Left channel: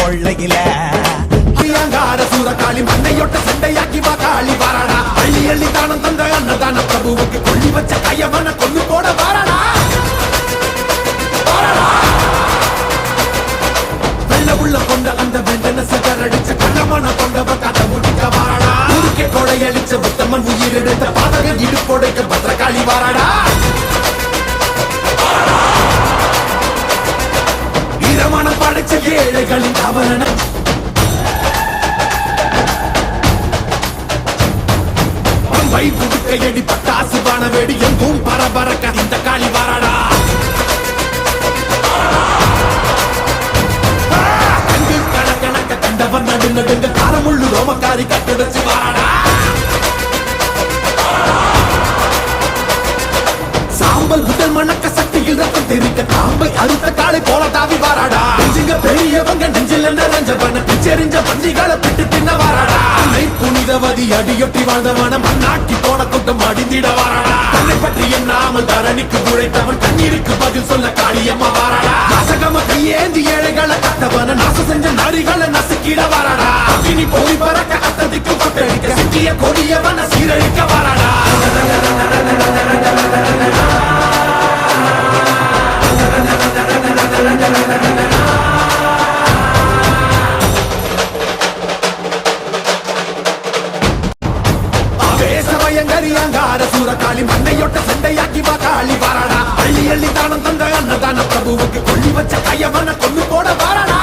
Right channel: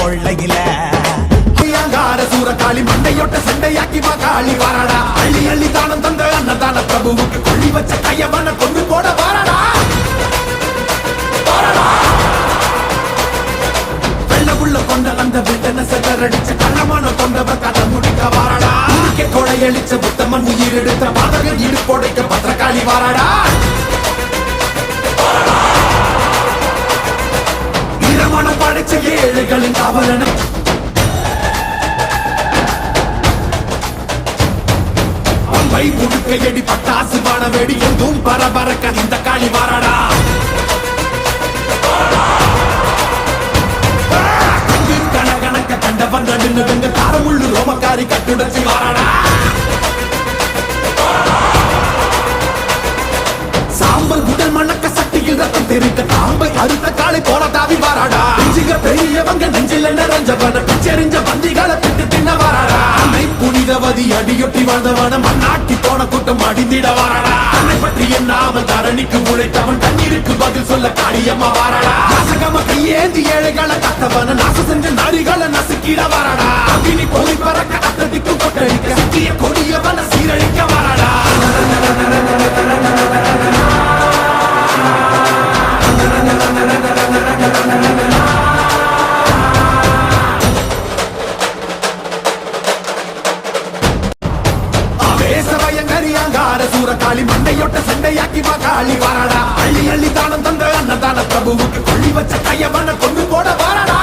கொள்ளையில ஐயங்கார சூரகாளி மண்டையொட்ட செண்டையாக்கி வா காளி வாராடா அள்ளி அள்ளி தானம் தந்த அன்னதான பிரபுவுக்கு கொள்ளி வச்ச கையவன கொண்டு போட வாராடா வெள்ள உள்ள கொண்ட அந்த விண்டன செதறடிச்ச கள்ளமான கொண்டவ கதை முடிக்க வாராடா உருக்கி கொடையளிச்ச புத்தம உயிர் எடுத்த பாதக இடுப்போடைக்க பத்திரகாளி வாராடா வீரமணம் படைச்ச ஏழுகளின் காவலன பை புடுக்கையடி பட்டாசு வானவேடி எங்கும் பரபரக்க இந்த காளி வாராடா கங்கு கணக்கணக்க கண்டவன் நடு நடுங்க காரமுள்ளு ரோமக்காரி கட்டுடைச்சு வாராடா சாம்பல் உடல் மணக்க சட்டியில் ரத்தம் தெரிக்க காம்பை அறுத்த காலை போல தாவி வாராடா நெஞ்சுங்க பெரியவங்க நெஞ்சில் நிறைஞ்சவன பிச்செறிஞ்ச மந்திகளை பிட்டு தின்ன வாராடா அன்னை புனிதவதி அடியொட்டி வாழ்ந்தவன மண்ணாக்கி போன கூட்டம் அடிந்திட வாராடா தன்னை பற்றி எண்ணாமல் தரணிக்கு உழைத்தவன் தண்ணீருக்கு பதில் சொல்ல காளியம்மா வாராடா நாசகம கையேந்தி ஏழைகளை கத்தவன நாச செஞ்ச நாரிகளை நசுக்கிட வாராடா அக்கினி போய் பறக்க அத்ததிக்கு கொட்டடிக்க சிக்கிய கொடியவன சீரழிக்க வாராடா பயங்கரியாங்கார சூரகாளி மண்டையொட்ட செண்டையாக்கி வா காளி வாராடா அள்ளி அள்ளி தானம் தந்த அன்னதான பிரபுவுக்கு கொள்ளி வச்ச கையவன கொண்டு போட வாராடா